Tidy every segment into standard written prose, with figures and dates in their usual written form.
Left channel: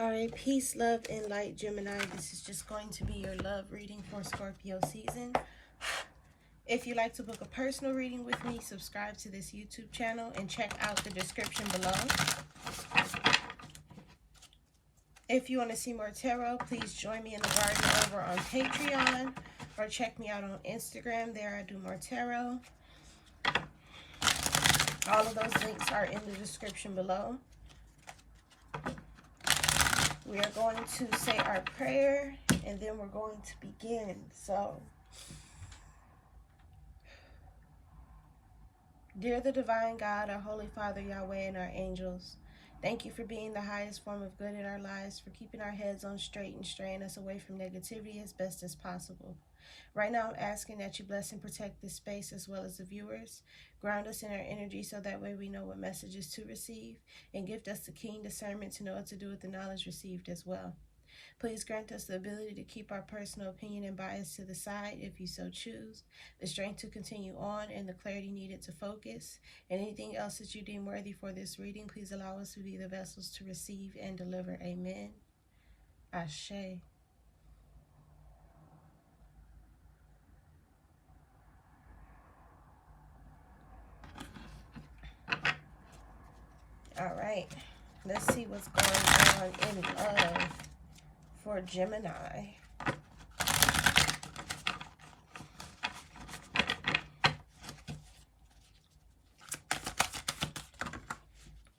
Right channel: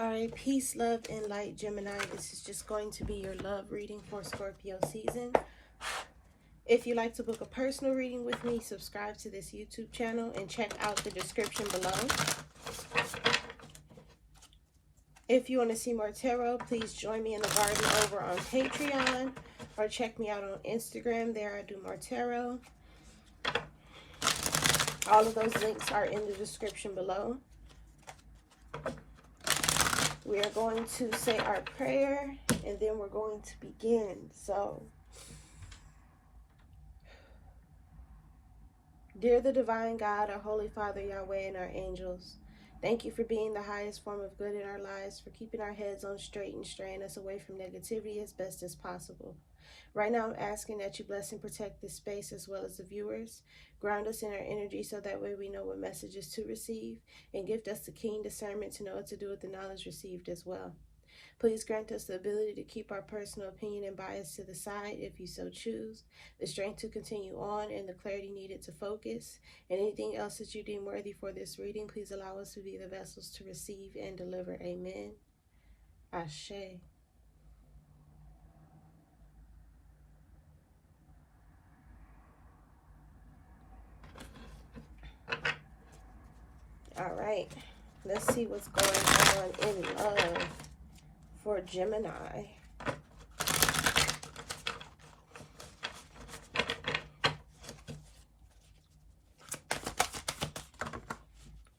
All right, peace, love, and light, Gemini. This is just going to be your love reading for Scorpio season. If you'd like to book a personal reading with me, subscribe to this YouTube channel and check out the description below. If you want to see more tarot, please join me in the garden over on Patreon or check me out on Instagram. There I do more tarot. All of those links are in the description below. We are going to say our prayer and then we're going to begin. So, dear the divine God, our Holy Father, Yahweh, and our angels, thank you for being the highest form of good in our lives, for keeping our heads on straight and straying us away from negativity as best as possible. Right now, I'm asking that you bless and protect this space as well as the viewers. Ground us in our energy so that way we know what messages to receive, and gift us the keen discernment to know what to do with the knowledge received as well. Please grant us the ability to keep our personal opinion and bias to the side if you so choose, the strength to continue on, and the clarity needed to focus. And anything else that you deem worthy for this reading, please allow us to be the vessels to receive and deliver. Amen. Ashe. All right, let's see what's going on in love for Gemini.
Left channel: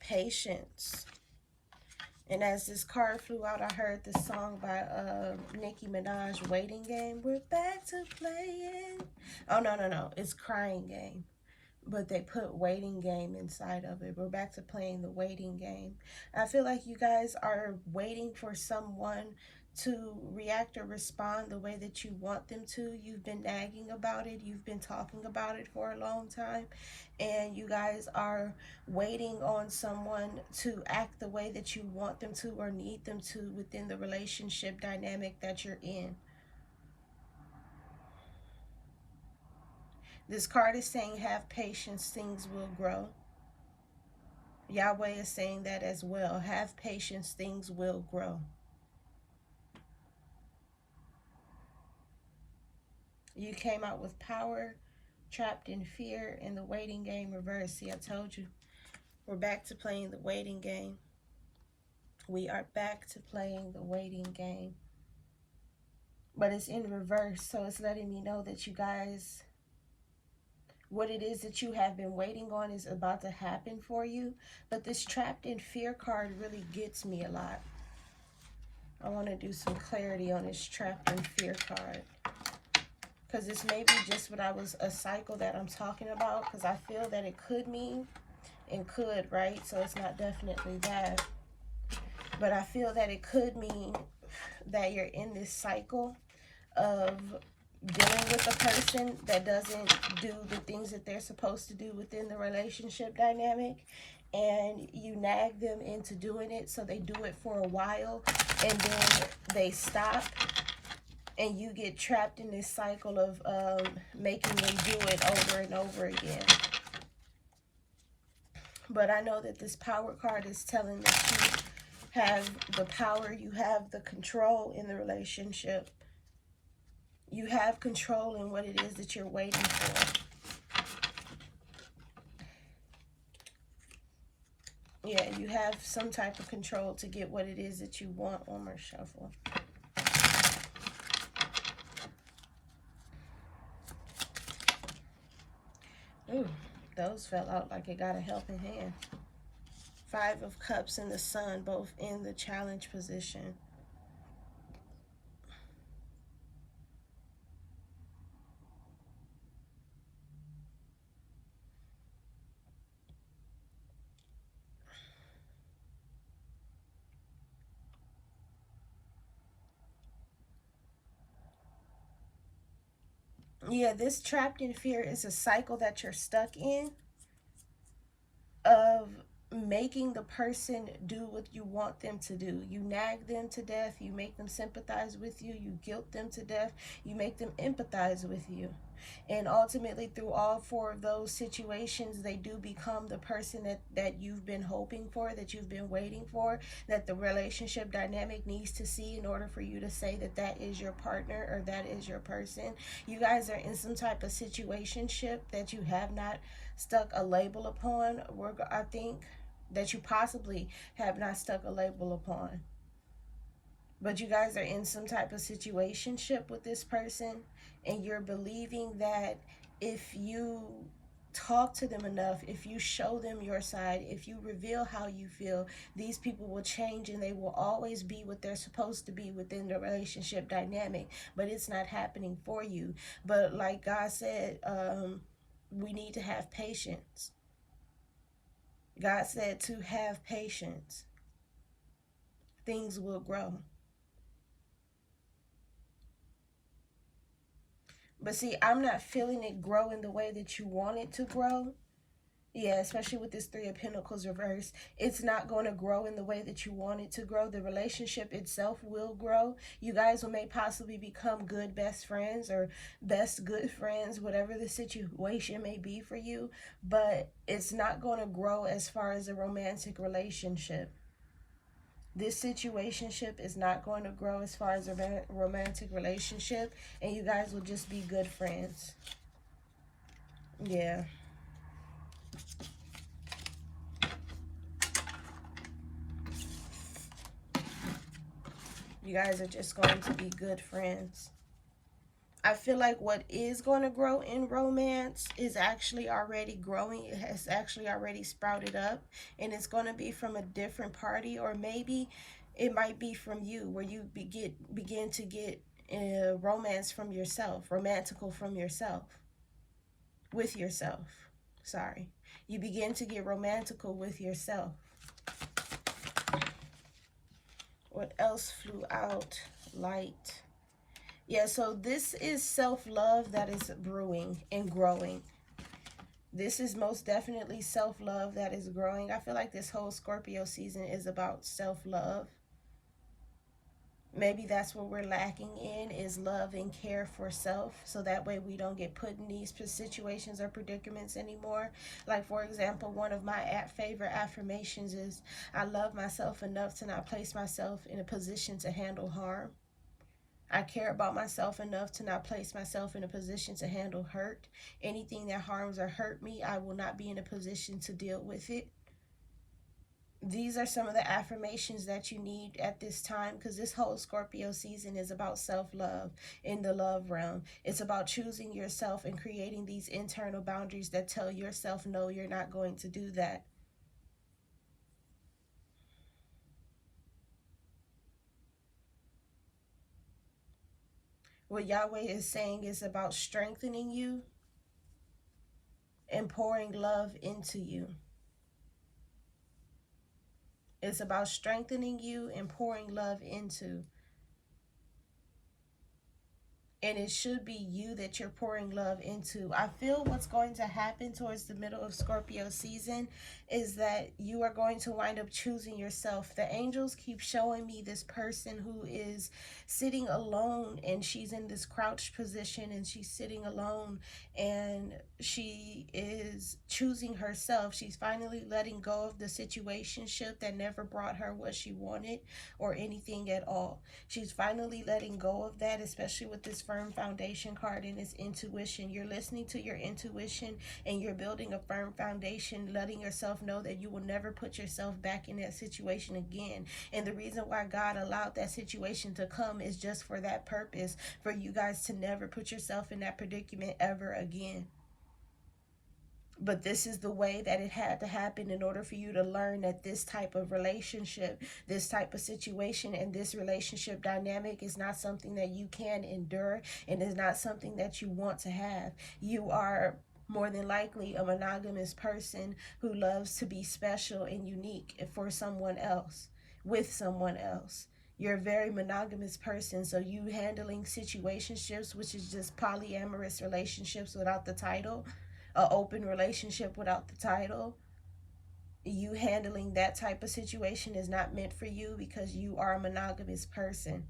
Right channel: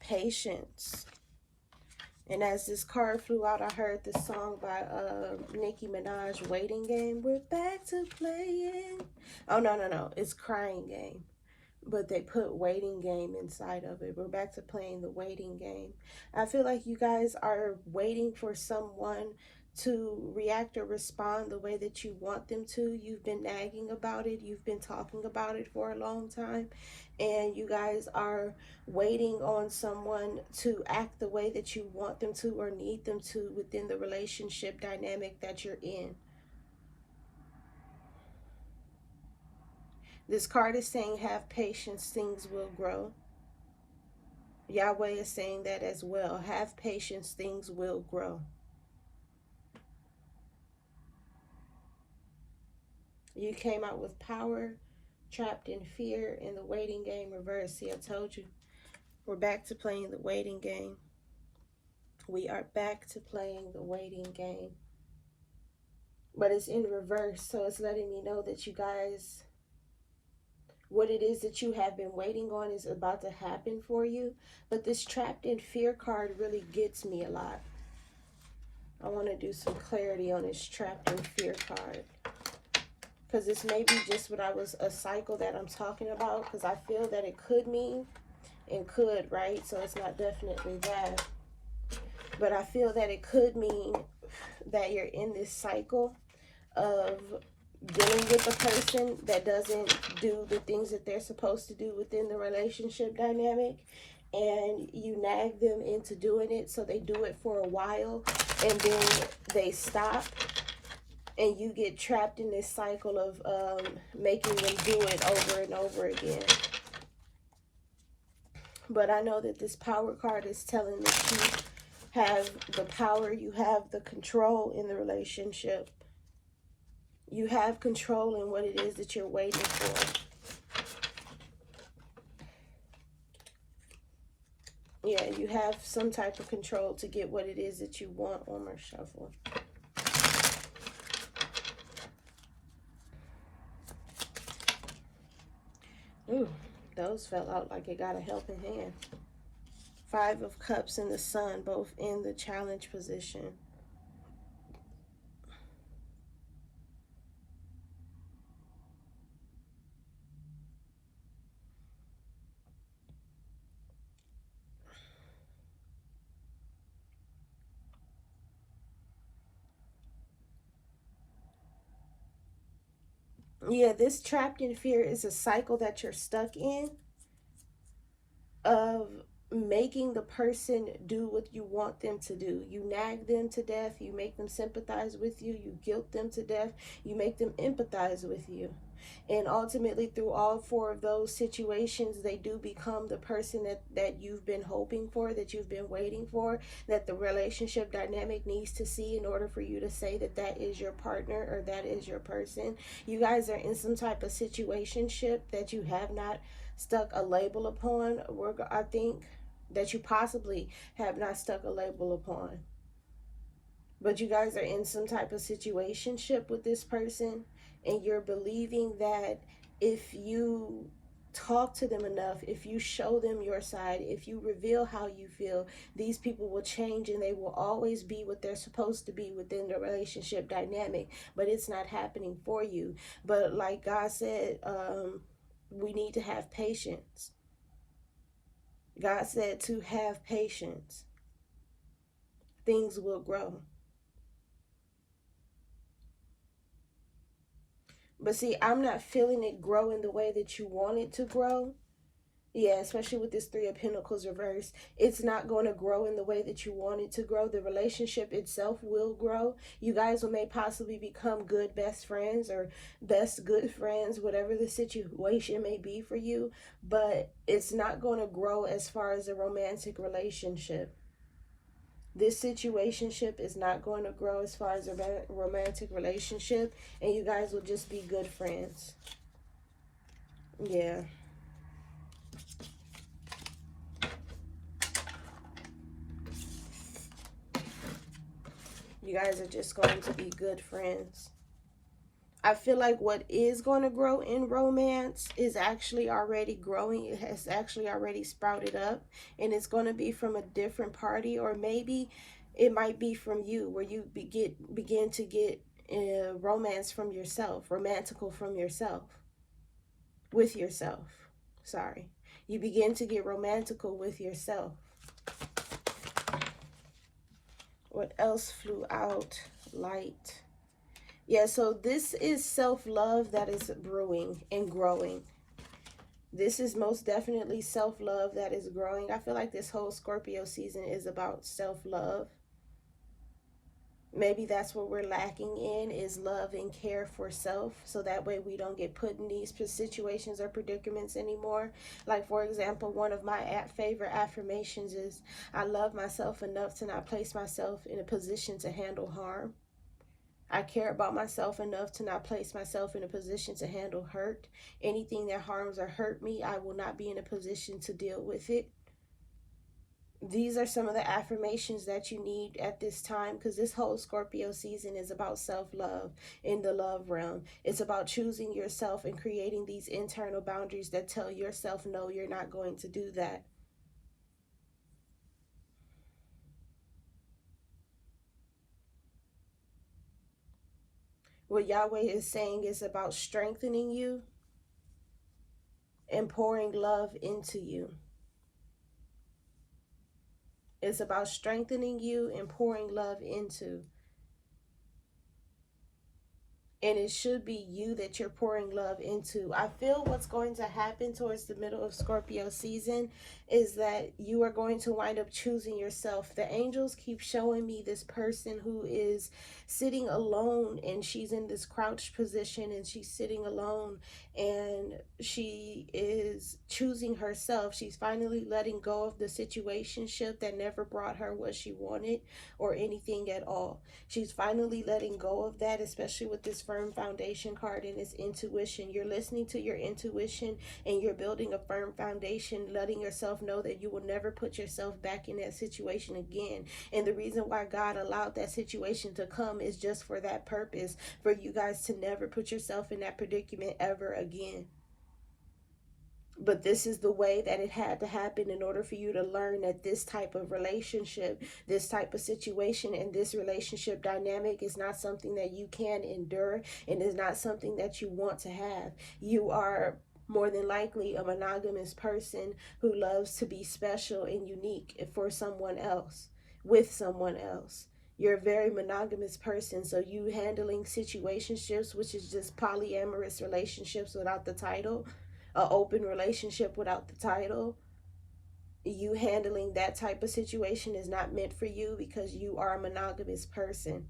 Patience. And as this card flew out, I heard this song by Nicki Minaj, Waiting Game. We're back to playing. Oh, no. It's Crying Game. But they put waiting game inside of it. We're back to playing the waiting game. I feel like you guys are waiting for someone to react or respond the way that you want them to. You've been nagging about it. You've been talking about it for a long time. And you guys are waiting on someone to act the way that you want them to or need them to within the relationship dynamic that you're in. This card is saying, have patience, things will grow. Yahweh is saying that as well. Have patience, things will grow. You came out with power, trapped in fear, and the waiting game reversed. See, I told you. We're back to playing the waiting game. We are back to playing the waiting game. But it's in reverse, so it's letting me know that you guys, what it is that you have been waiting on is about to happen for you. But this trapped in fear card really gets me a lot. I want to do some clarity on this trapped in fear card. Because this may be just what I was, a cycle that I'm talking about. Because I feel that it could mean, and could, right? So it's not definitely that. But I feel that it could mean that you're in this cycle of dealing with a person that doesn't do the things that they're supposed to do within the relationship dynamic, and you nag them into doing it, so they do it for a while and then they stop, and you get trapped in this cycle of making them do it over and over again. But I know that this power card is telling that you have the power, you have the control in the relationship. You have control in what it is that you're waiting for. Yeah, you have some type of control to get what it is that you want. One more shuffle. Ooh, those fell out like it got a helping hand. 5 of Cups and the Sun, both in the challenge position. Yeah, this trapped in fear is a cycle that you're stuck in of making the person do what you want them to do. You nag them to death. You make them sympathize with you. You guilt them to death. You make them empathize with you. And ultimately, through all 4 of those situations, they do become the person that you've been hoping for, that you've been waiting for, that the relationship dynamic needs to see in order for you to say that that is your partner or that is your person. You guys are in some type of situationship that you have not stuck a label upon. I think that you possibly have not stuck a label upon. But you guys are in some type of situationship with this person, and you're believing that if you talk to them enough, if you show them your side, if you reveal how you feel, these people will change and they will always be what they're supposed to be within the relationship dynamic. But it's not happening for you. But like God said, we need to have patience. God said to have patience. Things will grow. But see, I'm not feeling it grow in the way that you want it to grow. Yeah, especially with this 3 of Pentacles reverse. It's not going to grow in the way that you want it to grow. The relationship itself will grow. You guys may possibly become good best friends or best good friends, whatever the situation may be for you. But it's not going to grow as far as a romantic relationship. This situationship is not going to grow as far as a romantic relationship, and you guys will just be good friends. Yeah. You guys are just going to be good friends. I feel like what is going to grow in romance is actually already growing. It has actually already sprouted up, and it's going to be from a different party, or maybe it might be from you, where you begin to get romance from yourself, romantical from yourself, with yourself. Sorry. You begin to get romantical with yourself. What else flew out? Light. Yeah, so this is self-love that is brewing and growing. This is most definitely self-love that is growing. I feel like this whole Scorpio season is about self-love. Maybe that's what we're lacking in, is love and care for self. So that way we don't get put in these situations or predicaments anymore. Like, for example, one of my favorite affirmations is, I love myself enough to not place myself in a position to handle harm. I care about myself enough to not place myself in a position to handle hurt. Anything that harms or hurt me, I will not be in a position to deal with it. These are some of the affirmations that you need at this time, because this whole Scorpio season is about self-love in the love realm. It's about choosing yourself and creating these internal boundaries that tell yourself, no, you're not going to do that. What Yahweh is saying is about strengthening you and pouring love into you. It's about strengthening you and pouring love into. And it should be you that you're pouring love into. I feel what's going to happen towards the middle of Scorpio season is that you are going to wind up choosing yourself. The angels keep showing me this person who is sitting alone, and she's in this crouched position, and she's sitting alone, and she is choosing herself. She's finally letting go of the situationship that never brought her what she wanted or anything at all. She's finally letting go of that, especially with this firm foundation card and this intuition. You're listening to your intuition, and you're building a firm foundation, letting yourself know that you will never put yourself back in that situation again. And the reason why God allowed that situation to come is just for that purpose, for you guys to never put yourself in that predicament ever again. But this is the way that it had to happen in order for you to learn that this type of relationship, this type of situation, and this relationship dynamic is not something that you can endure, and is not something that you want to have. You are more than likely a monogamous person who loves to be special and unique for someone else, with someone else. You're a very monogamous person, so you handling situationships, which is just polyamorous relationships without the title, an open relationship without the title, you handling that type of situation is not meant for you, because you are a monogamous person.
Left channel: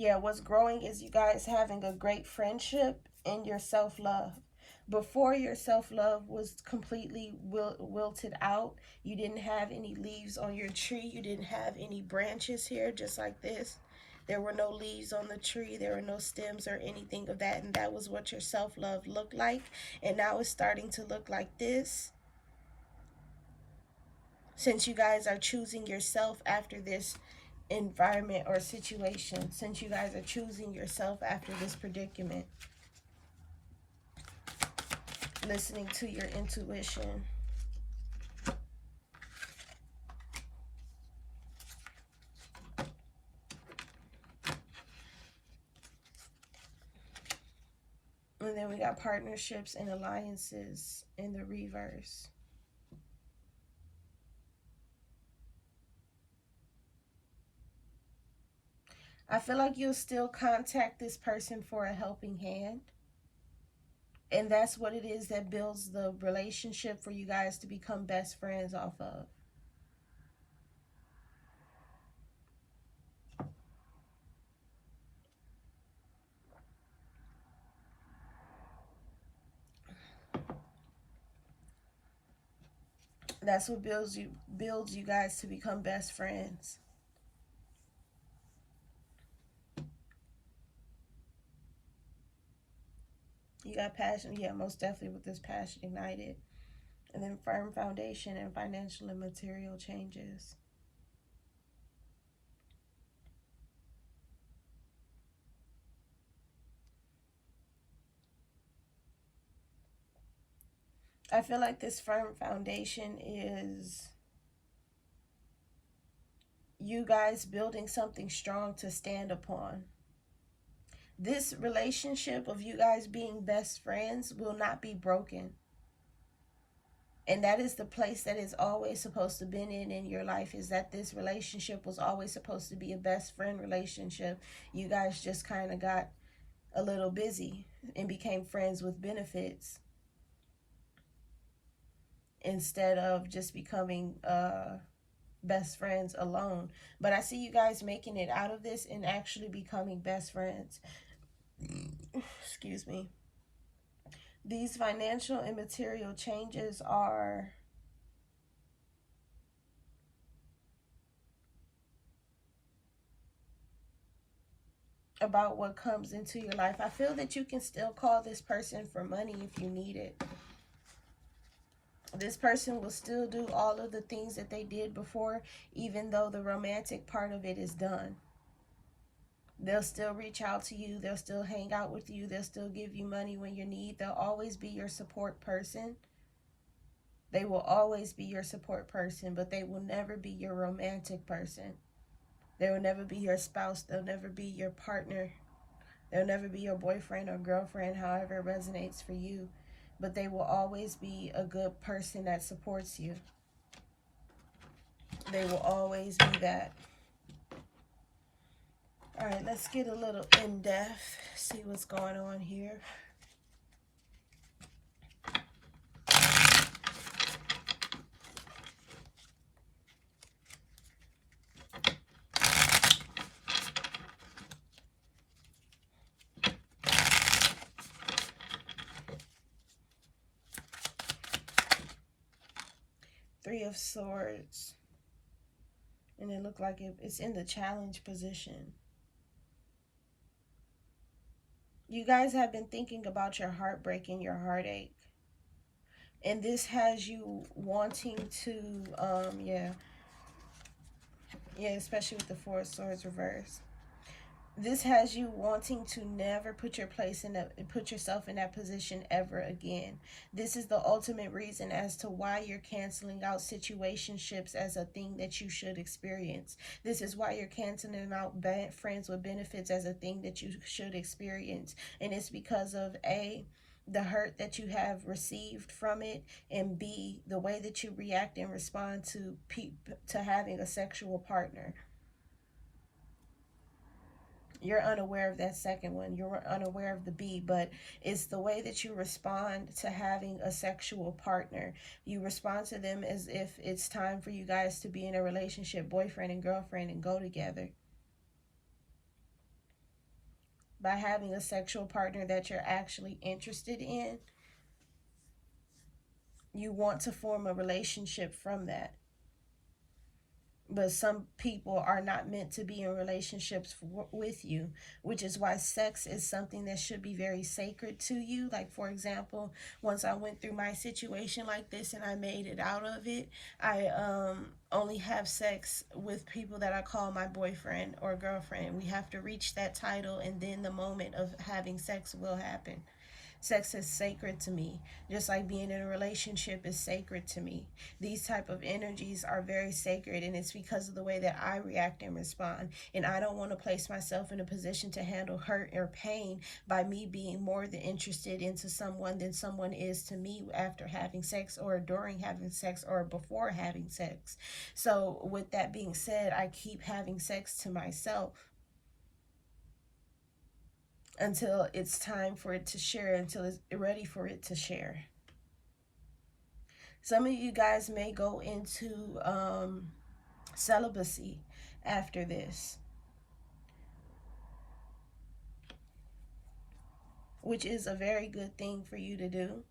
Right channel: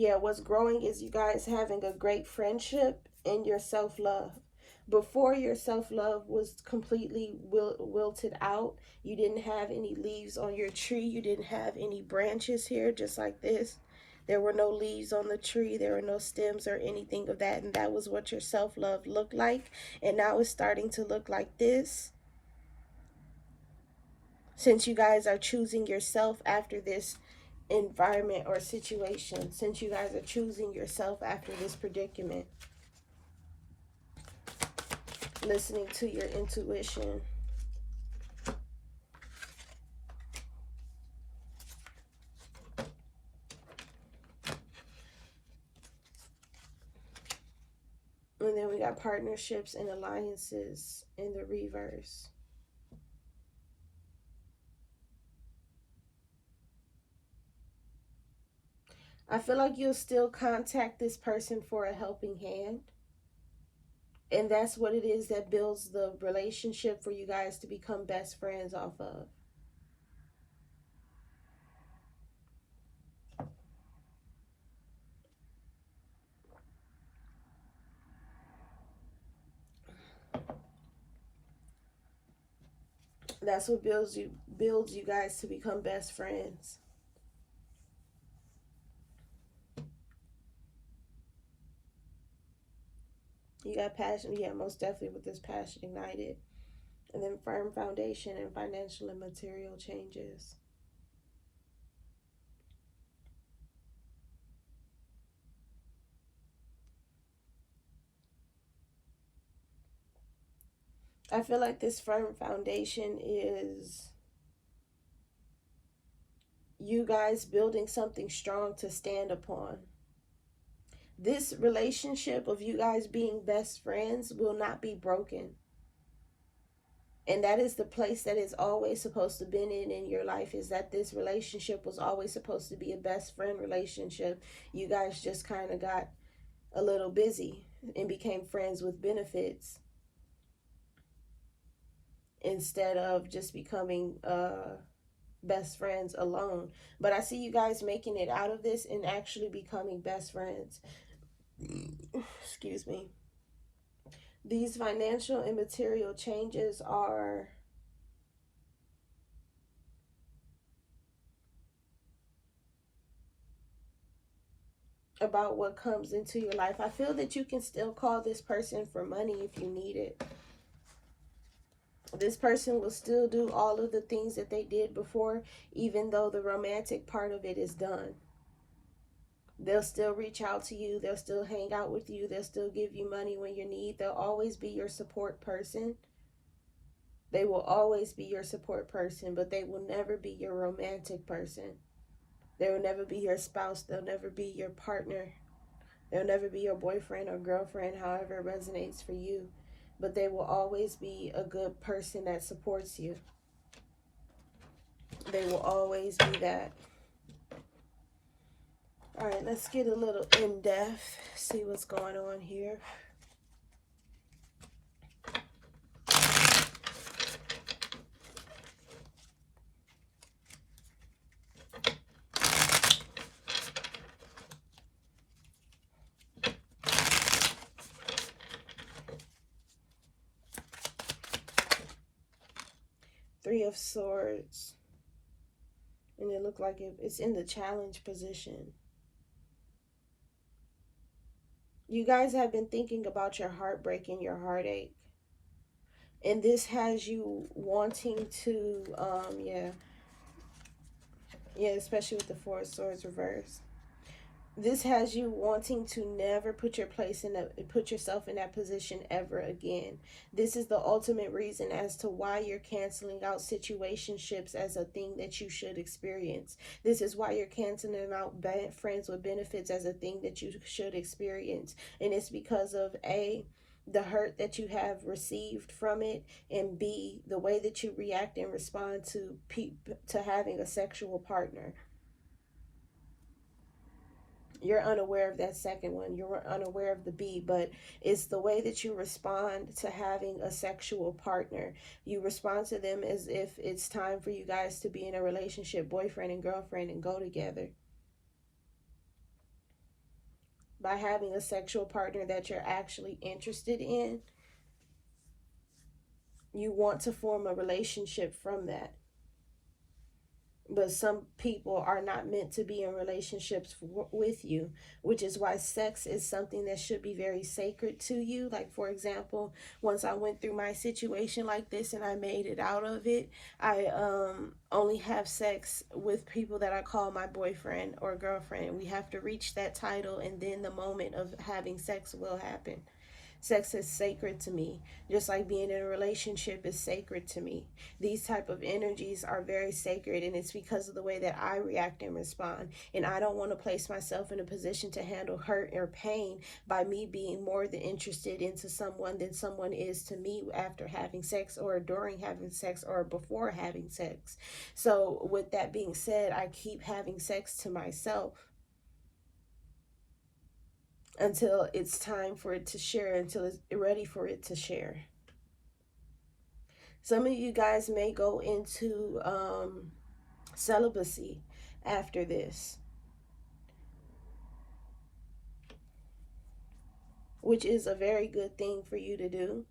Yeah, what's growing is you guys having a great friendship and your self-love. Before, your self-love was completely wilted out. You didn't have any leaves on your tree. You didn't have any branches here, just like this. There were no leaves on the tree. There were no stems or anything of that. And that was what your self-love looked like. And now it's starting to look like this. Since you guys are choosing yourself after this environment or situation, since you guys are choosing yourself after this predicament, listening to your intuition. And then we got partnerships and alliances in the reverse. I feel like you'll still contact this person for a helping hand. And that's what it is that builds the relationship for you guys to become best friends off of. That's what builds you guys to become best friends. You got passion, yeah, most definitely with this passion ignited. And then firm foundation and financial and material changes. I feel like this firm foundation is you guys building something strong to stand upon. This relationship of you guys being best friends will not be broken. And that is the place that it's always supposed to be in your life, is that this relationship was always supposed to be a best friend relationship. You guys just kind of got a little busy and became friends with benefits instead of just becoming best friends alone. But I see you guys making it out of this and actually becoming best friends. Excuse me. These financial and material changes are about what comes into your life. I feel that you can still call this person for money if you need it. This person will still do all of the things that they did before, even though the romantic part of it is done. They'll still reach out to you. They'll still hang out with you. They'll still give you money when you need. They'll always be your support person. They will always be your support person, but they will never be your romantic person. They will never be your spouse. They'll never be your partner. They'll never be your boyfriend or girlfriend, however it resonates for you. But they will always be a good person that supports you. They will always be that. All right, let's get a little in-depth, see what's going on here. Three of Swords. And it looked like it's in the challenge position. You guys have been thinking about your heartbreak and your heartache. And this has you wanting to, yeah, especially with the Four of Swords reverse. This has you wanting to never put yourself in that position ever again. This is the ultimate reason as to why you're canceling out situationships as a thing that you should experience. This is why you're canceling out friends with benefits as a thing that you should experience. And it's because of A, the hurt that you have received from it, and B, the way that you react and respond to having a sexual partner. You're unaware of that second one. You're unaware of the B, but it's the way that you respond to having a sexual partner. You respond to them as if it's time for you guys to be in a relationship, boyfriend and girlfriend, and go together. by having a sexual partner that you're actually interested in. You want to form a relationship from that. But some people are not meant to be in relationships with you, which is why sex is something that should be very sacred to you. Like, for example, once I went through my situation like this and I made it out of it, I only have sex with people that I call my boyfriend or girlfriend. We have to reach that title, and then the moment of having sex will happen. Sex is sacred to me, just like being in a relationship is sacred to me. These type of energies are very sacred, and it's because of the way that I react and respond. And I don't want to place myself in a position to handle hurt or pain by me being more than interested into someone than someone is to me after having sex, or during having sex, or before having sex. So with that being said, I keep having sex to myself until it's time for it to share, until it's ready for it to share. Some of you guys may go into celibacy after this, which is a very good thing for you to do.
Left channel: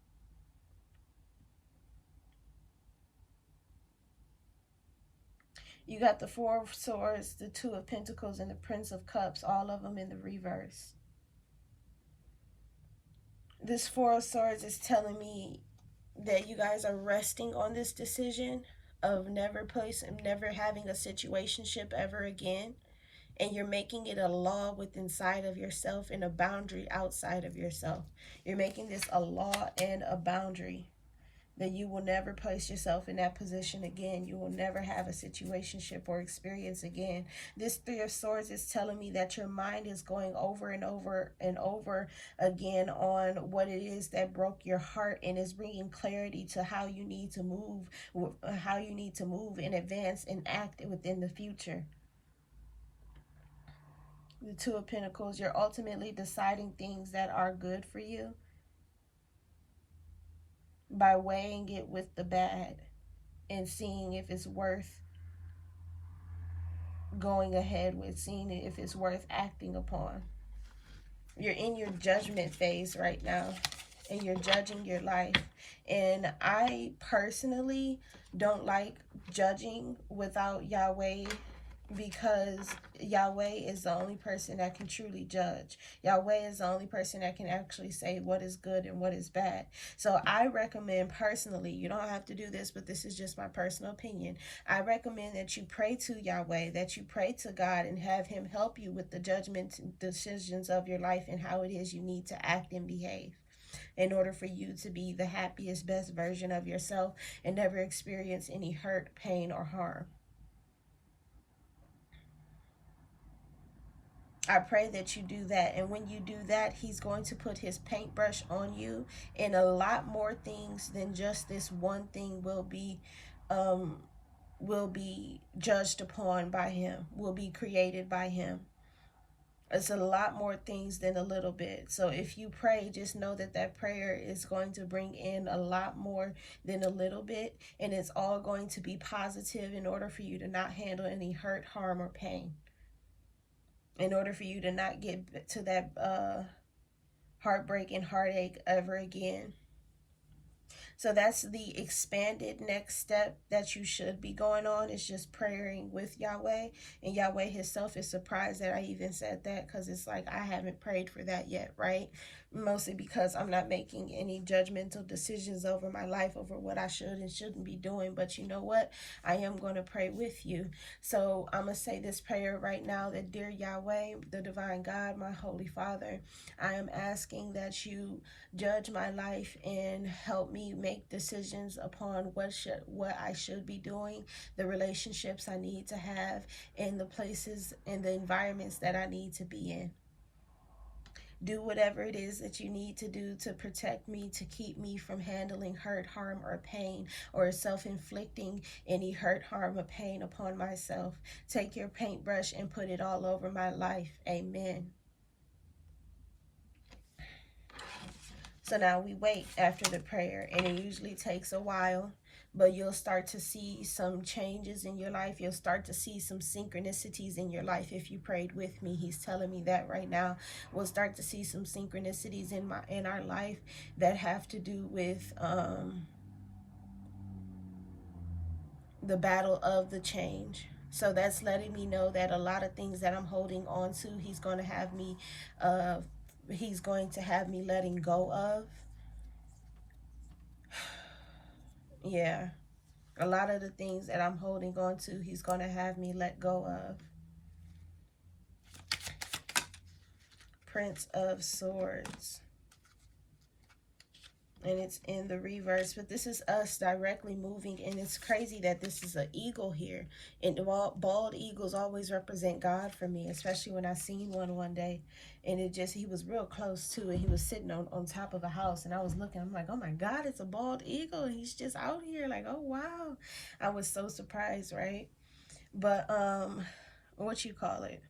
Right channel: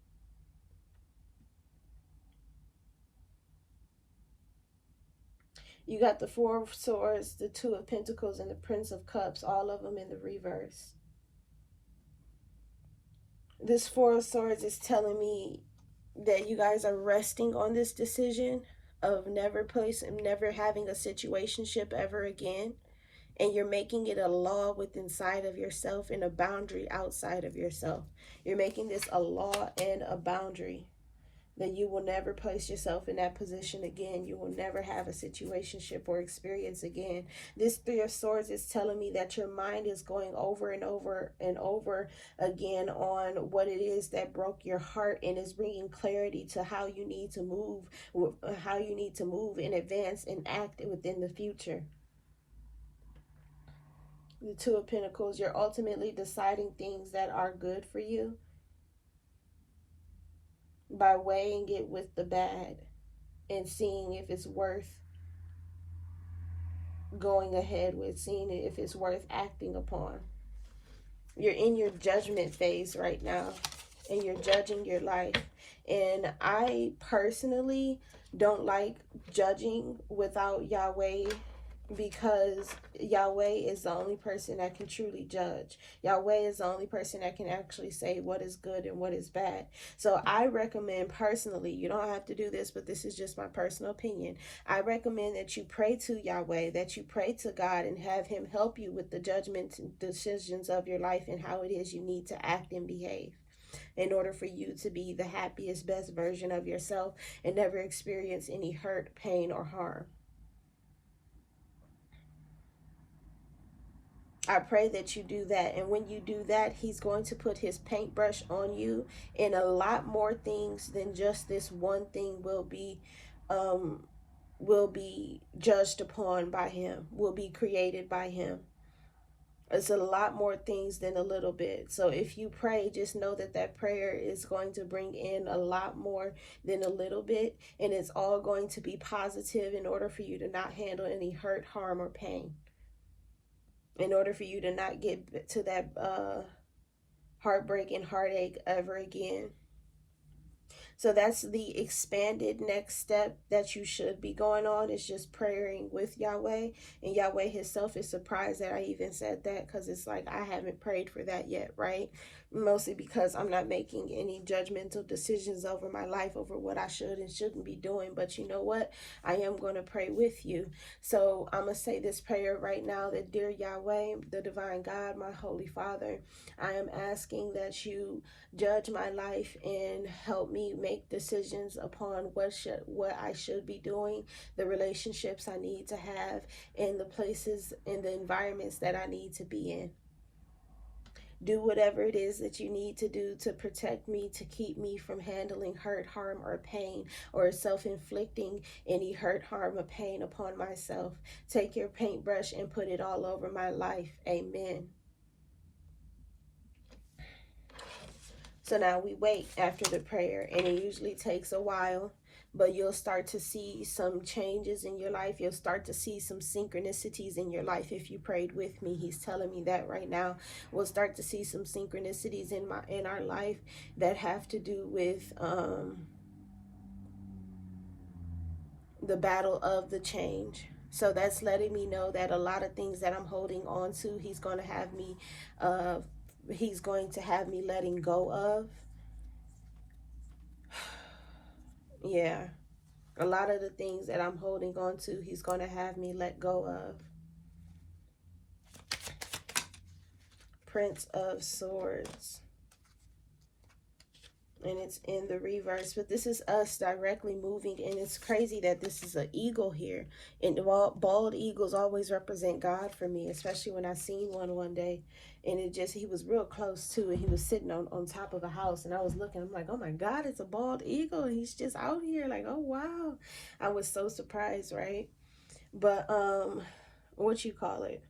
You got the Four of Swords, the Two of Pentacles, and the Prince of Cups, all of them in the reverse. This Four of Swords is telling me that you guys are resting on this decision of never having a situationship ever again, and you're making it a law within inside of yourself and a boundary outside of yourself. You're making this a law and a boundary that you will never place yourself in that position again. You will never have a situationship or experience again. This Three of Swords is telling me that your mind is going over and over and over again on what it is that broke your heart, and is bringing clarity to how you need to move and advance and act within the future. The Two of Pentacles, you're ultimately deciding things that are good for you by weighing it with the bad and seeing if it's worth going ahead with, seeing if it's worth acting upon. You're in your judgment phase right now, and you're judging your life. And I personally don't like judging without Yahweh, because Yahweh is the only person that can truly judge. Yahweh is the only person that can actually say what is good and what is bad. So I recommend personally, you don't have to do this, but this is just my personal opinion. I recommend that you pray to Yahweh, that you pray to God and have him help you with the judgments and decisions of your life and how it is you need to act and behave in order for you to be the happiest, best version of yourself and never experience any hurt, pain, or harm. I pray that you do that. And when you do that, he's going to put his paintbrush on you, and a lot more things than just this one thing will be judged upon by him, will be created by him. It's a lot more things than a little bit. So if you pray, just know that that prayer is going to bring in a lot more than a little bit, and it's all going to be positive in order for you to not handle any hurt, harm, or pain. In order for you to not get to that heartbreak and heartache ever again. So that's the expanded next step that you should be going on, is just praying with Yahweh. And Yahweh himself is surprised that I even said that, because it's like I haven't prayed for that yet, right? Mostly because I'm not making any judgmental decisions over my life, over what I should and shouldn't be doing. But you know what? I am going to pray with you. So I'm going to say this prayer right now, that dear Yahweh, the divine God, my holy Father, I am asking that you judge my life and help me make decisions upon what I should be doing, the relationships I need to have, and the places and the environments that I need to be in. Do whatever it is that you need to do to protect me, to keep me from handling hurt, harm, or pain, or self-inflicting any hurt, harm, or pain upon myself. Take your paintbrush and put it all over my life. Amen. So now we wait after the prayer, and it usually takes a while. but you'll start to see some changes in your life. You'll start to see some synchronicities in your life. If you prayed with me, he's telling me that right now. We'll start to see some synchronicities in our life that have to do with the battle of the change. So that's letting me know that a lot of things that I'm holding on to, he's going to have me letting go of. Yeah. A lot of the things that I'm holding on to, he's going to have me let go of. Prince of Swords. And it's in the reverse, but this is us directly moving, and it's crazy that this is an eagle here, and bald eagles always represent God for me, especially when I seen one day, and he was real close to it. He was sitting on top of a house, and I was looking, I'm like, oh my God, it's a bald eagle, and he's just out here, like, oh wow. I was so surprised, right? But what you call it,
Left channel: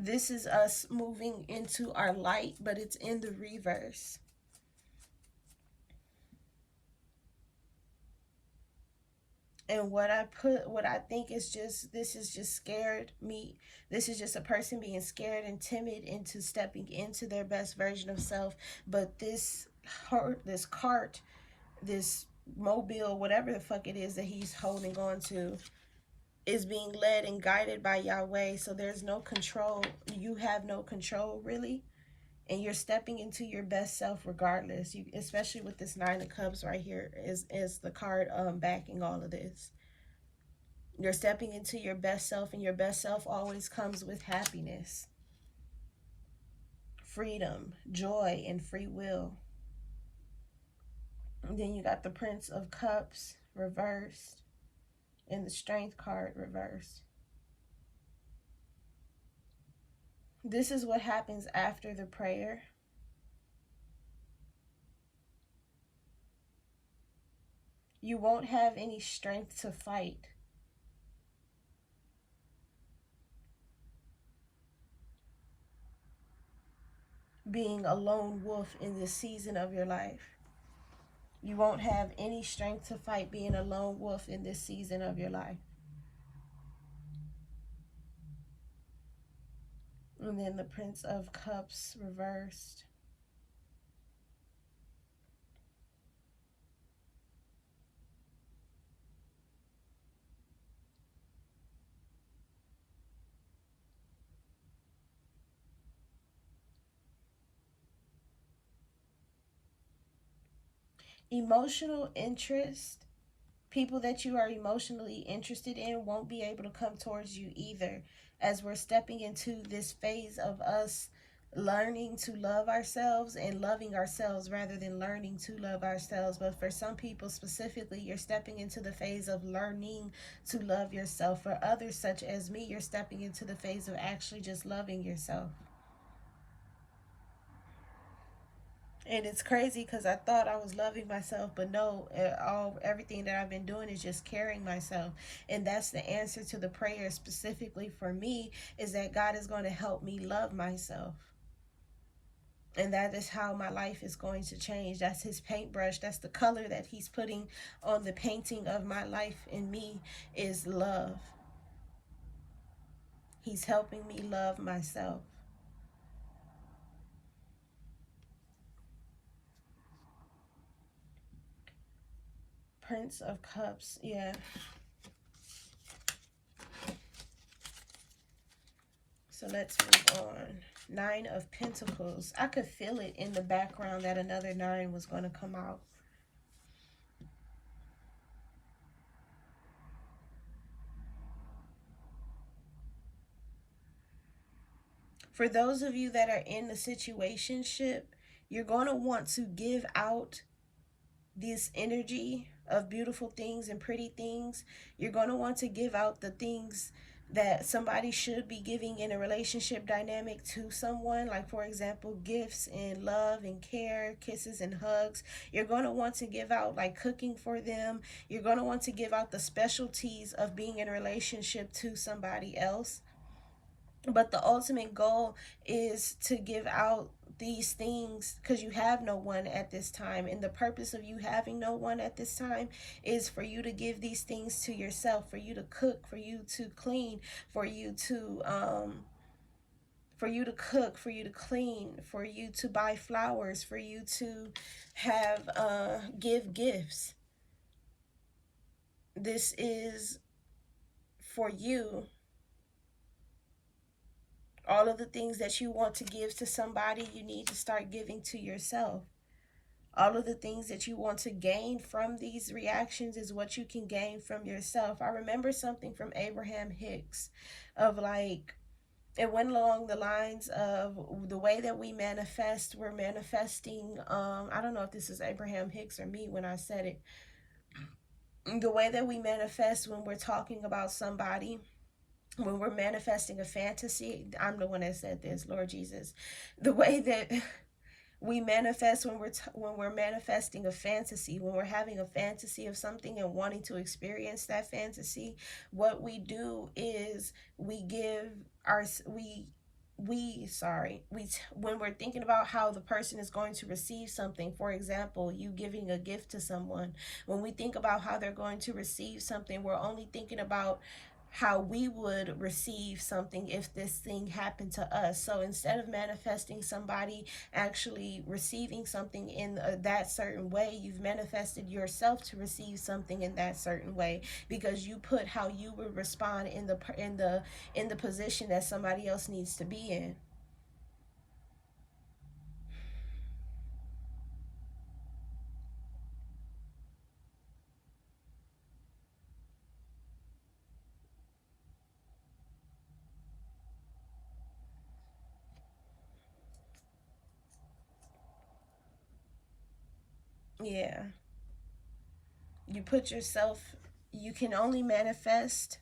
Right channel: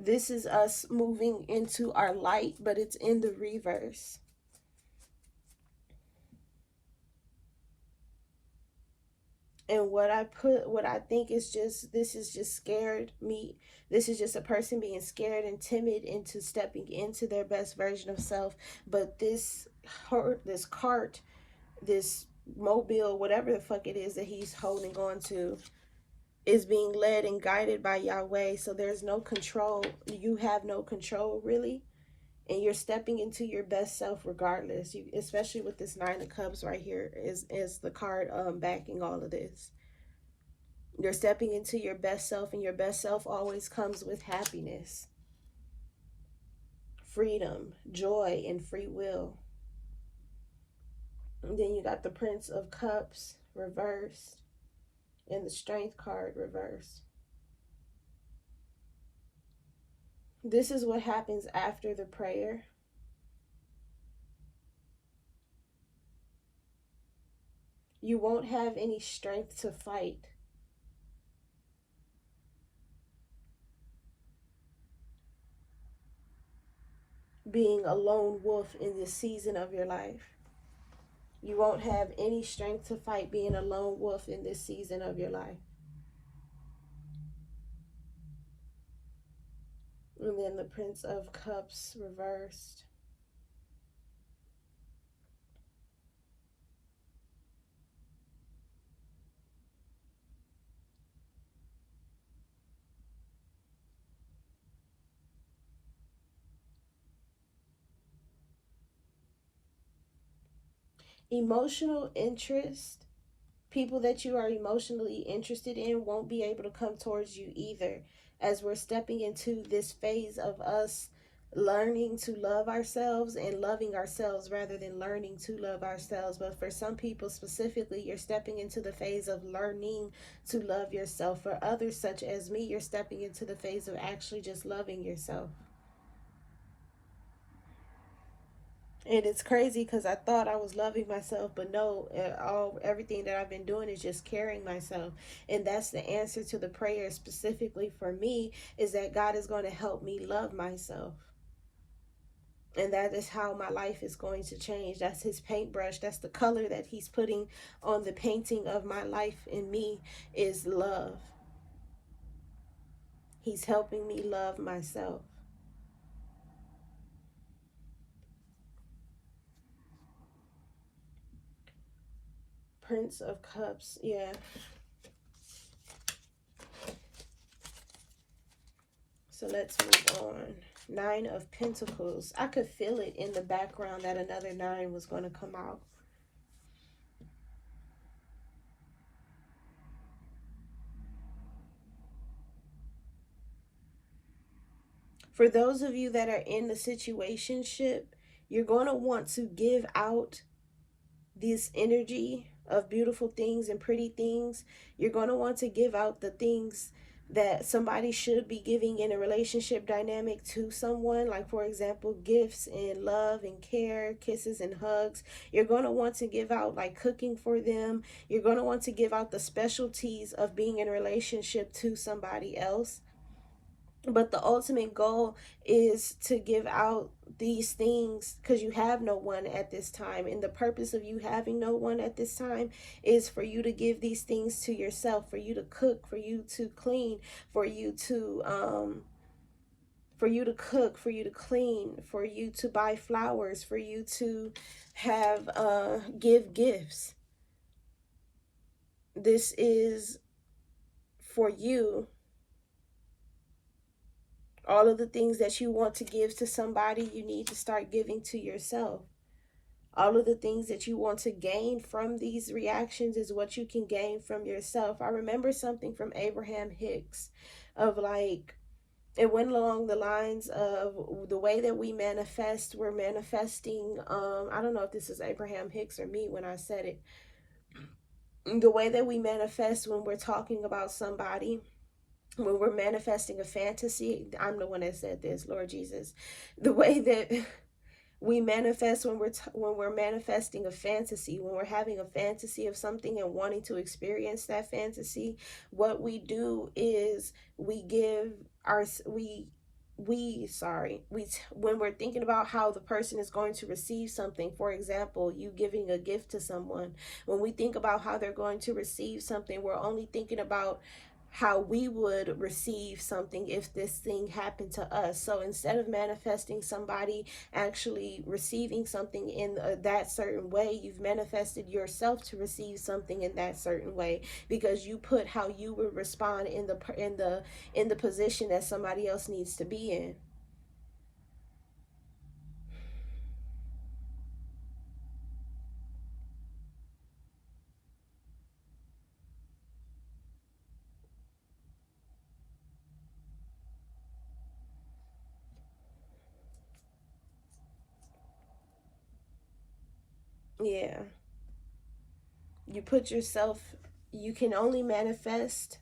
this is us moving into our light, but it's in the reverse. And what I think is just, this is just scared me. This is just a person being scared and timid into stepping into their best version of self. But this cart, this mobile, whatever the fuck it is that he's holding on to, is being led and guided by Yahweh. So there's no control. You have no control, really. And you're stepping into your best self regardless. Especially with this Nine of Cups right here is the card backing all of this. You're stepping into your best self, and your best self always comes with happiness, freedom, joy, and free will. And then you got the Prince of Cups reversed and the Strength card reversed. This is what happens after the prayer. You won't have any strength to fight. Being a lone wolf in this season of your life. You won't have any strength to fight being a lone wolf in this season of your life. And then the Prince of Cups reversed. Emotional interest. People that you are emotionally interested in won't be able to come towards you either, as we're stepping into this phase of us learning to love ourselves and loving ourselves rather than learning to love ourselves. But for some people specifically, you're stepping into the phase of learning to love yourself. For others, such as me, you're stepping into the phase of actually just loving yourself. And it's crazy because I thought I was loving myself, but no, everything that I've been doing is just carrying myself. And that's the answer to the prayer specifically for me, is that God is going to help me love myself. And that is how my life is going to change. That's his paintbrush. That's the color that he's putting on the painting of my life in me, is love. He's helping me love myself. Prince of Cups, yeah. So let's move on. Nine of Pentacles. I could feel it in the background that another 9 was going to come out. For those of you that are in the situationship, you're going to want to give out this energy of beautiful things and pretty things. You're going to want to give out the things that somebody should be giving in a relationship dynamic to someone. Like, for example, gifts and love and care, kisses and hugs. You're going to want to give out, like, cooking for them. You're going to want to give out the specialties of being in a relationship to somebody else. But the ultimate goal is to give out these things because you have no one at this time. And the purpose of you having no one at this time is for you to give these things to yourself, for you to cook, for you to clean, for you to cook, for you to clean, for you to buy flowers, for you to have give gifts. This is for you. All of the things that you want to give to somebody, you need to start giving to yourself. All of the things that you want to gain from these reactions is what you can gain from yourself. I remember something from Abraham Hicks of like, it went along the lines of the way that we manifest, we're manifesting, I don't know if this is Abraham Hicks or me when I said it. The way that we manifest when we're talking about somebody, when we're manifesting a fantasy, I'm the one that said this, Lord Jesus. The way that we manifest when we're manifesting a fantasy, when we're having a fantasy of something and wanting to experience that fantasy, what we do is we give our when we're thinking about how the person is going to receive something, for example, you giving a gift to someone, when we think about how they're going to receive something, we're only thinking about how we would receive something if this thing happened to us. So instead of manifesting somebody actually receiving something in that certain way, you've manifested yourself to receive something in that certain way because you put how you would respond in the position that somebody else needs to be in. Yeah. You put yourself, you can only manifest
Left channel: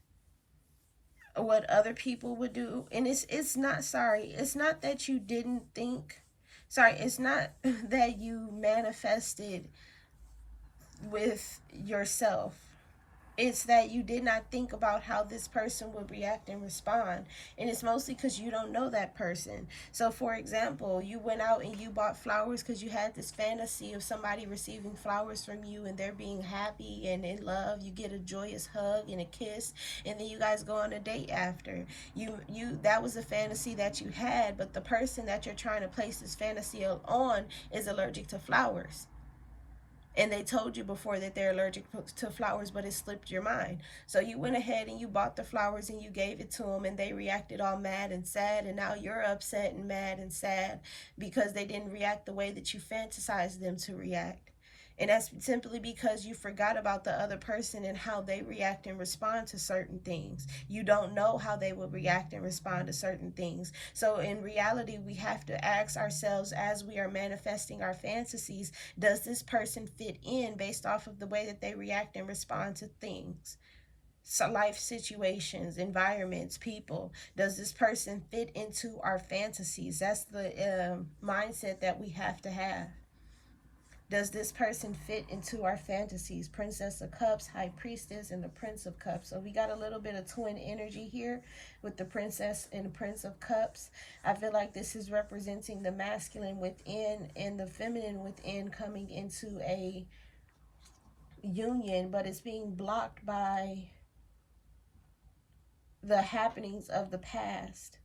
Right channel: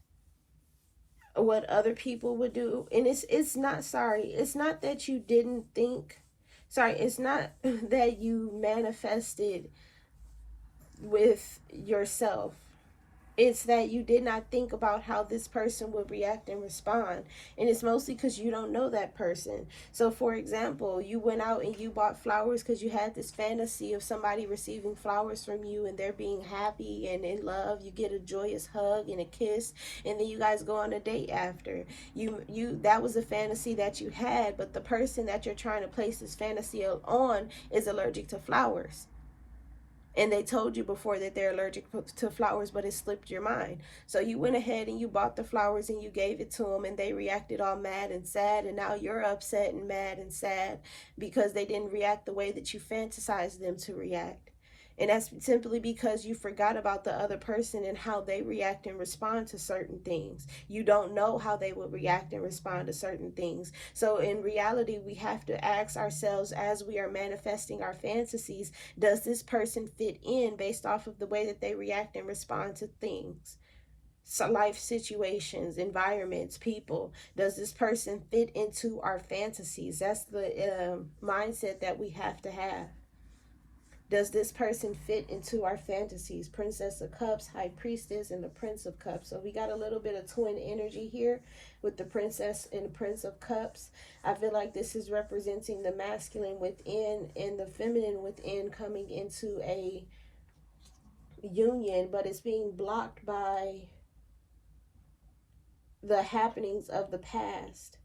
what other people would do. And it's not, sorry, it's not that you didn't think, sorry, it's not that you manifested with yourself. It's that you did not think about how this person would react and respond. And it's mostly because you don't know that person. So for example, you went out and you bought flowers because you had this fantasy of somebody receiving flowers from you and they're being happy and in love. You get a joyous hug and a kiss, and then you guys go on a date after. You that was a fantasy that you had, but the person that you're trying to place this fantasy on is allergic to flowers. And they told you before that they're allergic to flowers, but it slipped your mind. So you went ahead and you bought the flowers and you gave it to them, and they reacted all mad and sad, and now you're upset and mad and sad because they didn't react the way that you fantasized them to react. And that's simply because you forgot about the other person and how they react and respond to certain things. You don't know how they will react and respond to certain things. So in reality, we have to ask ourselves as we are manifesting our fantasies, does this person fit in based off of the way that they react and respond to things? So life situations, environments, people. Does this person fit into our fantasies? That's the mindset that we have to have. Does this person fit into our fantasies? Princess of Cups, High Priestess, and the Prince of Cups. So we got a little bit of twin energy here with the Princess and the Prince of Cups. I feel like this is representing the masculine within and the feminine within coming into a union, but it's being blocked by the happenings of the past.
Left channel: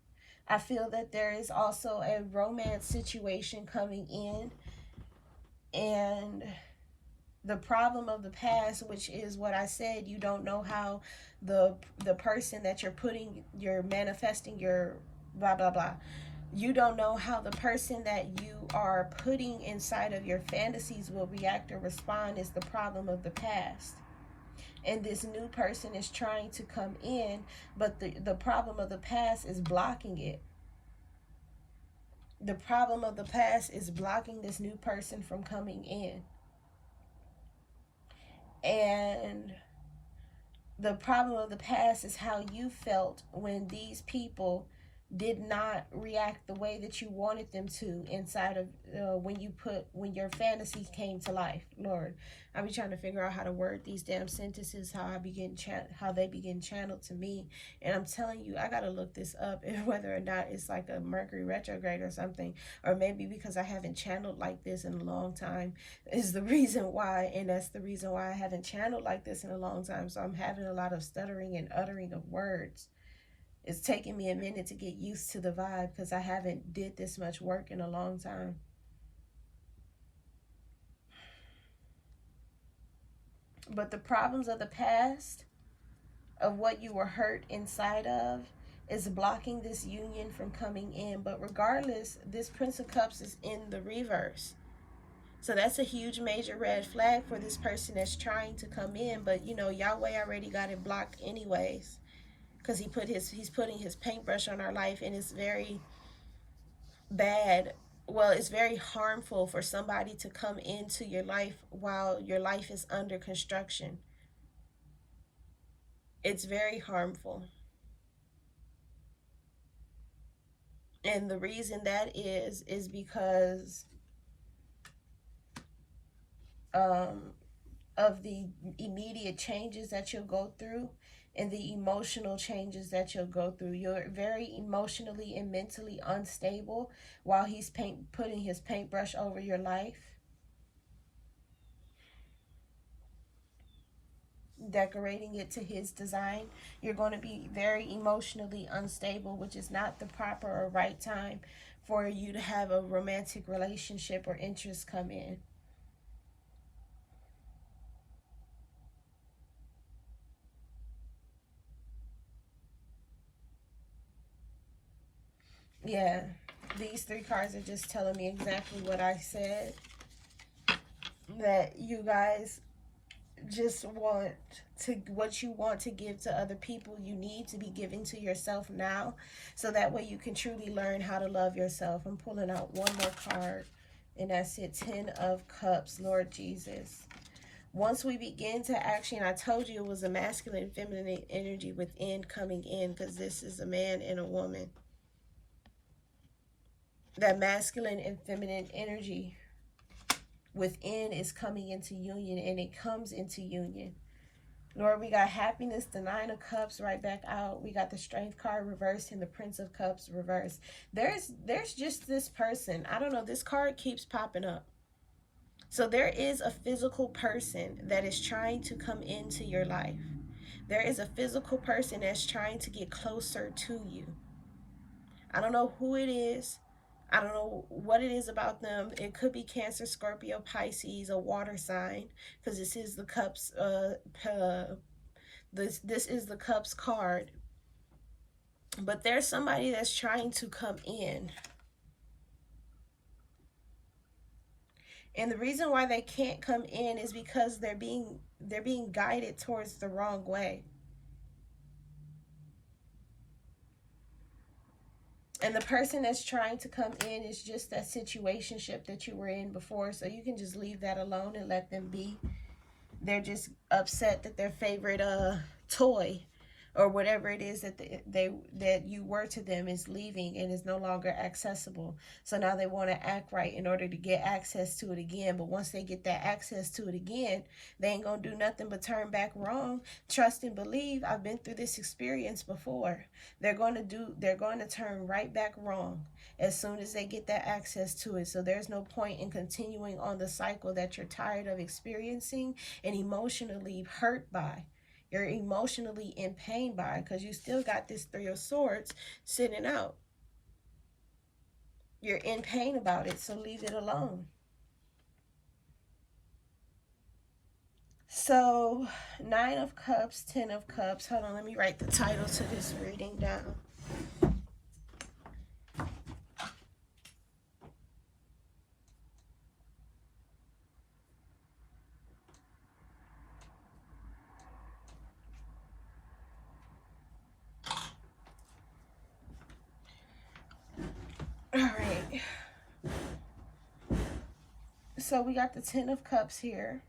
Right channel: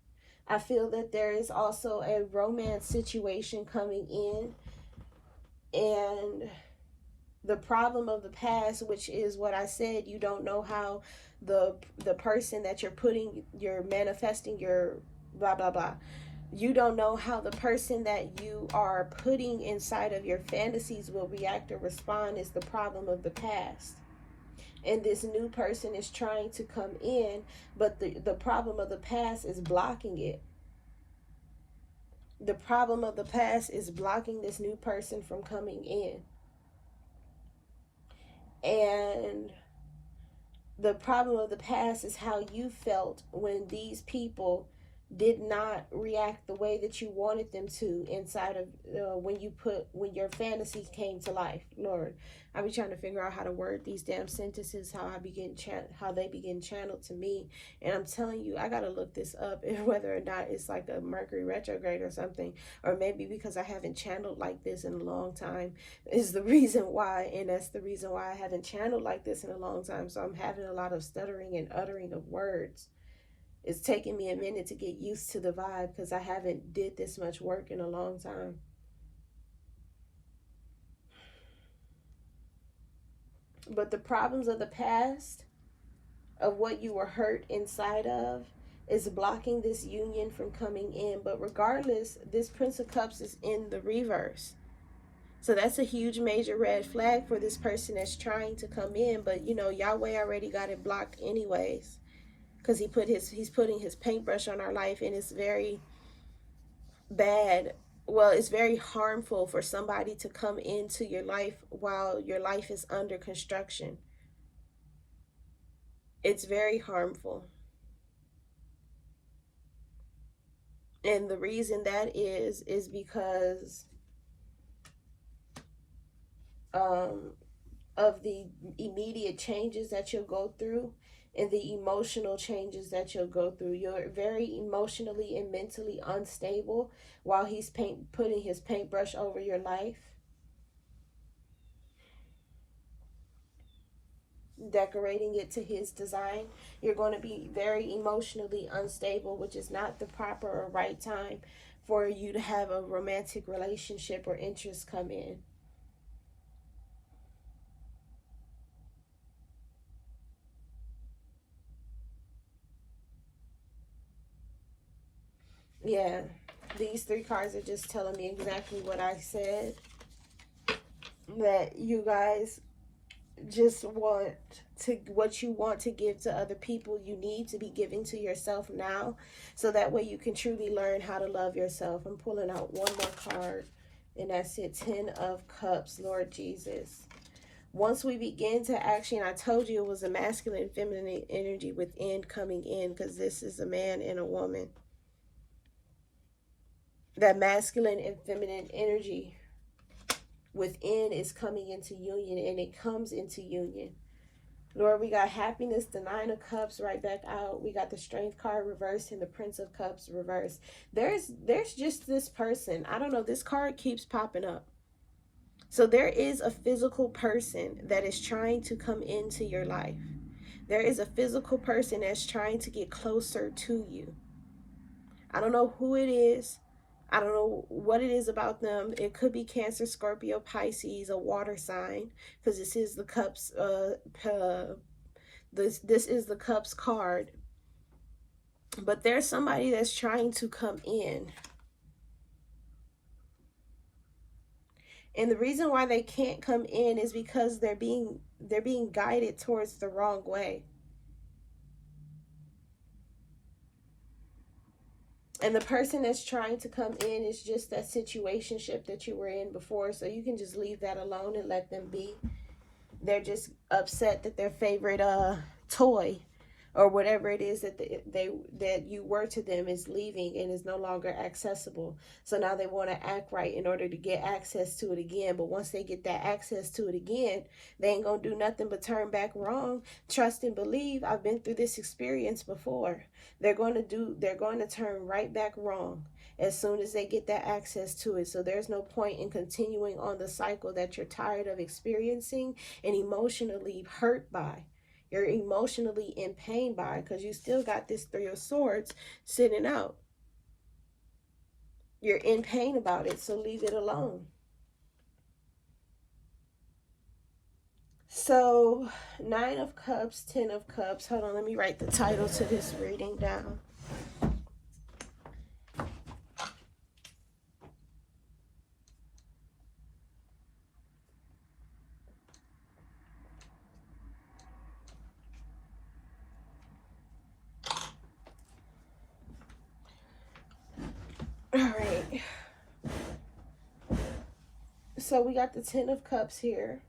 I feel that there is also a romance situation coming in, and the problem of the past, which is what I said, you don't know how the person that you're manifesting your blah blah blah, you don't know how the person that you are putting inside of your fantasies will react or respond is the problem of the past. And this new person is trying to come in, but the problem of the past is blocking it. The problem of the past is blocking this new person from coming in. And the problem of the past is how you felt when these people did not react the way that you wanted them to inside of when your fantasies came to life. Lord, I be trying to figure out how to word these damn sentences, how they begin channeled to me. And I'm telling you, I gotta look this up, and whether or not it's like a Mercury retrograde or something, or maybe because I haven't channeled like this in a long time is the reason why. And that's the reason why I haven't channeled like this in a long time. So I'm having a lot of stuttering and uttering of words. It's taking me a minute to get used to the vibe because I haven't did this much work in a long time. But the problems of the past, of what you were hurt inside of, is blocking this union from coming in. But regardless, this Prince of Cups is in the reverse. So that's a huge major red flag for this person that's trying to come in. But you know, Yahweh already got it blocked anyways, because he's putting his paintbrush on our life, and it's very bad. Well, it's very harmful for somebody to come into your life while your life is under construction. It's very harmful. And the reason that is because of the immediate changes that you'll go through and the emotional changes that you'll go through. You're very emotionally and mentally unstable while he's putting his paintbrush over your life, decorating it to his design. You're going to be very emotionally unstable, which is not the proper or right time for you to have a romantic relationship or interest come in. Yeah, these three cards are just telling me exactly what I said, that you guys just want to, what you want to give to other people, you need to be giving to yourself now, so that way you can truly learn how to love yourself. I'm pulling out one more card, and that's it. 10 of Cups. Lord Jesus, once we begin to actually, I told you it was a masculine and feminine energy within coming in, because this is a man and a woman. That masculine and feminine energy within is coming into union, and it comes into union. Lord, we got happiness, the 9 of Cups right back out. We got the Strength card reversed and the Prince of Cups reversed. There's just this person. I don't know, this card keeps popping up. So there is a physical person that is trying to come into your life. There is a physical person that's trying to get closer to you. I don't know who it is. I don't know what it is about them. It could be Cancer, Scorpio, Pisces, a water sign, because this is the Cups. This is the Cups card. But there's somebody that's trying to come in, and the reason why they can't come in is because they're being guided towards the wrong way. And the person that's trying to come in is just that situationship that you were in before. So you can just leave that alone and let them be. They're just upset that their favorite toy or whatever it is that that you were to them is leaving and is no longer accessible. So now they want to act right in order to get access to it again. But once they get that access to it again, they ain't gonna do nothing but turn back wrong. Trust and believe. I've been through this experience before. They're going to turn right back wrong as soon as they get that access to it. So there's no point in continuing on the cycle that you're tired of experiencing and emotionally hurt by. You're emotionally in pain by, because you still got this 3 of Swords sitting out. You're in pain about it, so leave it alone. So 9 of Cups, 10 of Cups. Hold on, let me write the title to this reading down. All right. So we got the 10 of Cups here.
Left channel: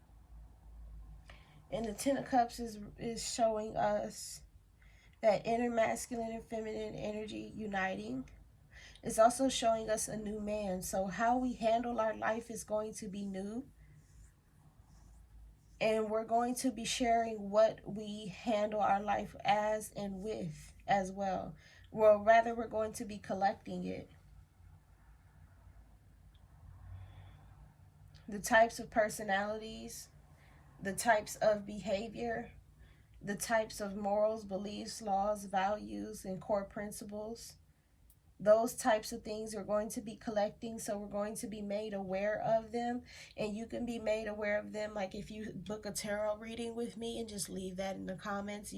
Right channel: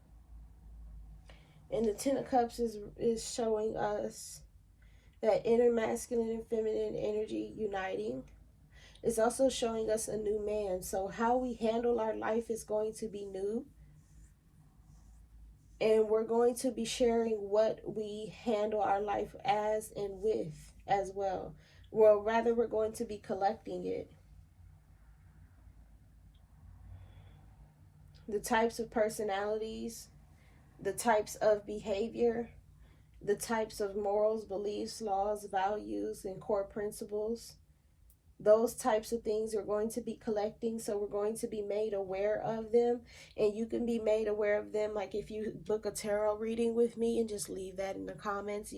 And the 10 of Cups is showing us That inner masculine and feminine energy uniting. It's also showing us a new man. So how we handle our life is going to be new. And we're going to be sharing what we handle our life as and with as well. Well, rather, we're going to be collecting it. The types of personalities, the types of behavior, the types of morals, beliefs, laws, values, and core principles. Those types of things are going to be collecting, so we're going to be made aware of them. And you can be made aware of them, like if you book a tarot reading with me and just leave that in the comments,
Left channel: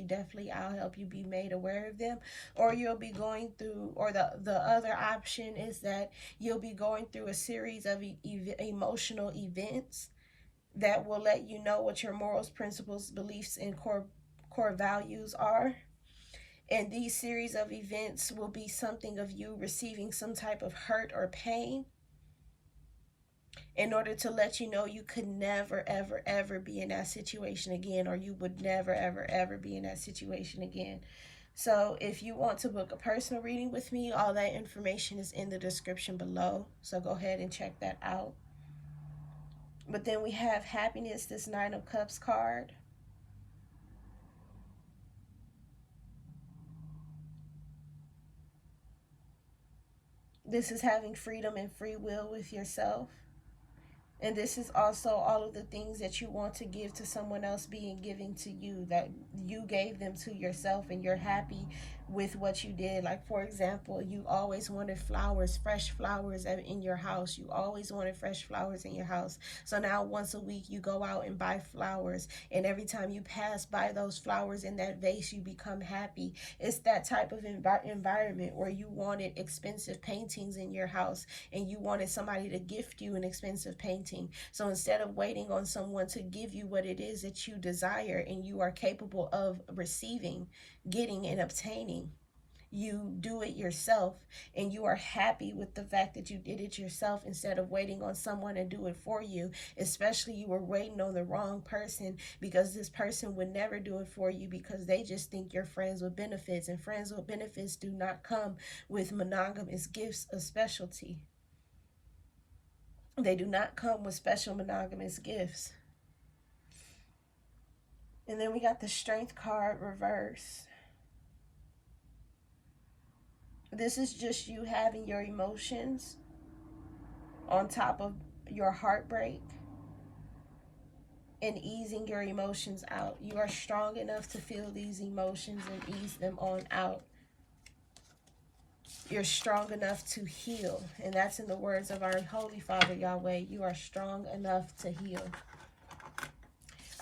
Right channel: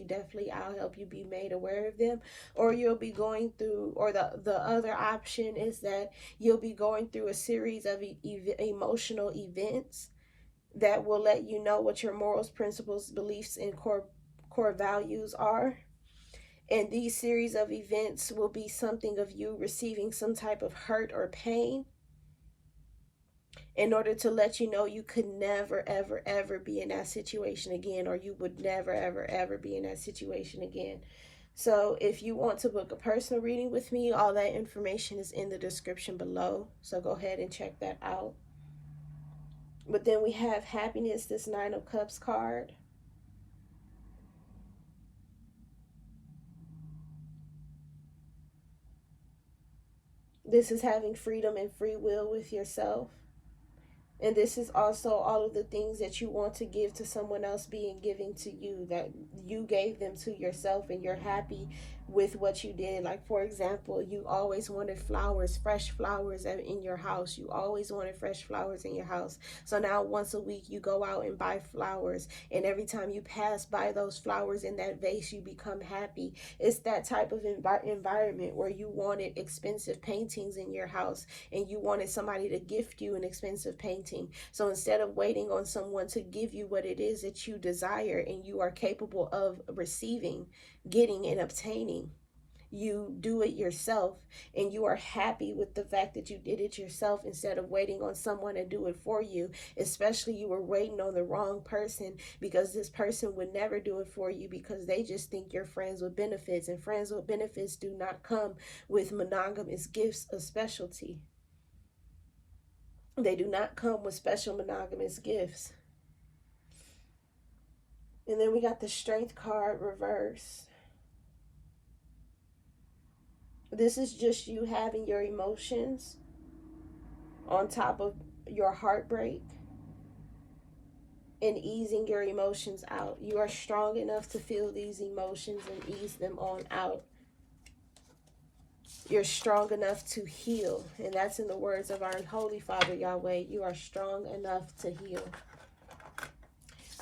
I'll help you be made aware of them. Or you'll be going through, or the other option is that you'll be going through a series of emotional events that will let you know what your morals, principles, beliefs, and core values are. And these series of events will be something of you receiving some type of hurt or pain in order to let you know you could never, ever, ever be in that situation again, or you would never, ever, ever be in that situation again. So if you want to book a personal reading with me, all that information is in the description below. So go ahead and check that out. But then we have happiness, this Nine of Cups card. This is having freedom and free will with yourself. And this is also all of the things that you want to give to someone else being given to you, that you gave them to yourself, and you're happy with what you did. Like, for example, you always wanted flowers, fresh flowers in your house. You always wanted fresh flowers in your house. So now once a week you go out and buy flowers. And every time you pass by those flowers in that vase, you become happy. It's that type of environment where you wanted expensive paintings in your house and you wanted somebody to gift you an expensive painting. So instead of waiting on someone to give you what it is that you desire and you are capable of receiving, getting, and obtaining, you do it yourself, and you are happy with the fact that you did it yourself instead of waiting on someone to do it for you. Especially you were waiting on the wrong person, because this person would never do it for you because they just think you're friends with benefits, and friends with benefits do not come with monogamous gifts of specialty. They do not come with special monogamous gifts. And then we got the Strength card reverse. This is just you having your emotions on top of your heartbreak and easing your emotions out. You are strong enough to feel these emotions and ease them on out. You're strong enough to heal. And that's in the words of our Holy Father, Yahweh. You are strong enough to heal.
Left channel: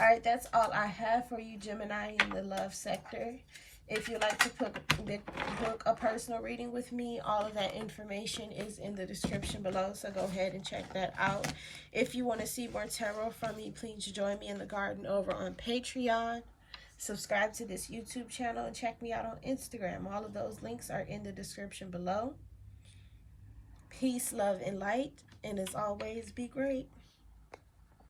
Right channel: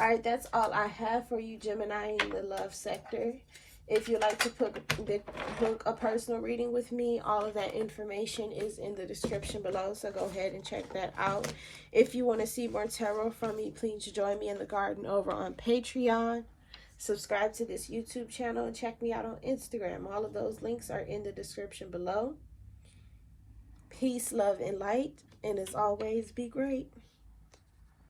All right, that's all I have for you, Gemini, in the love sector. If you'd like to book a personal reading with me, all of that information is in the description below, so go ahead and check that out. If you want to see more tarot from me, please join me in the garden over on Patreon. Subscribe to this YouTube channel and check me out on Instagram. All of those links are in the description below. Peace, love, and light, and as always, be great.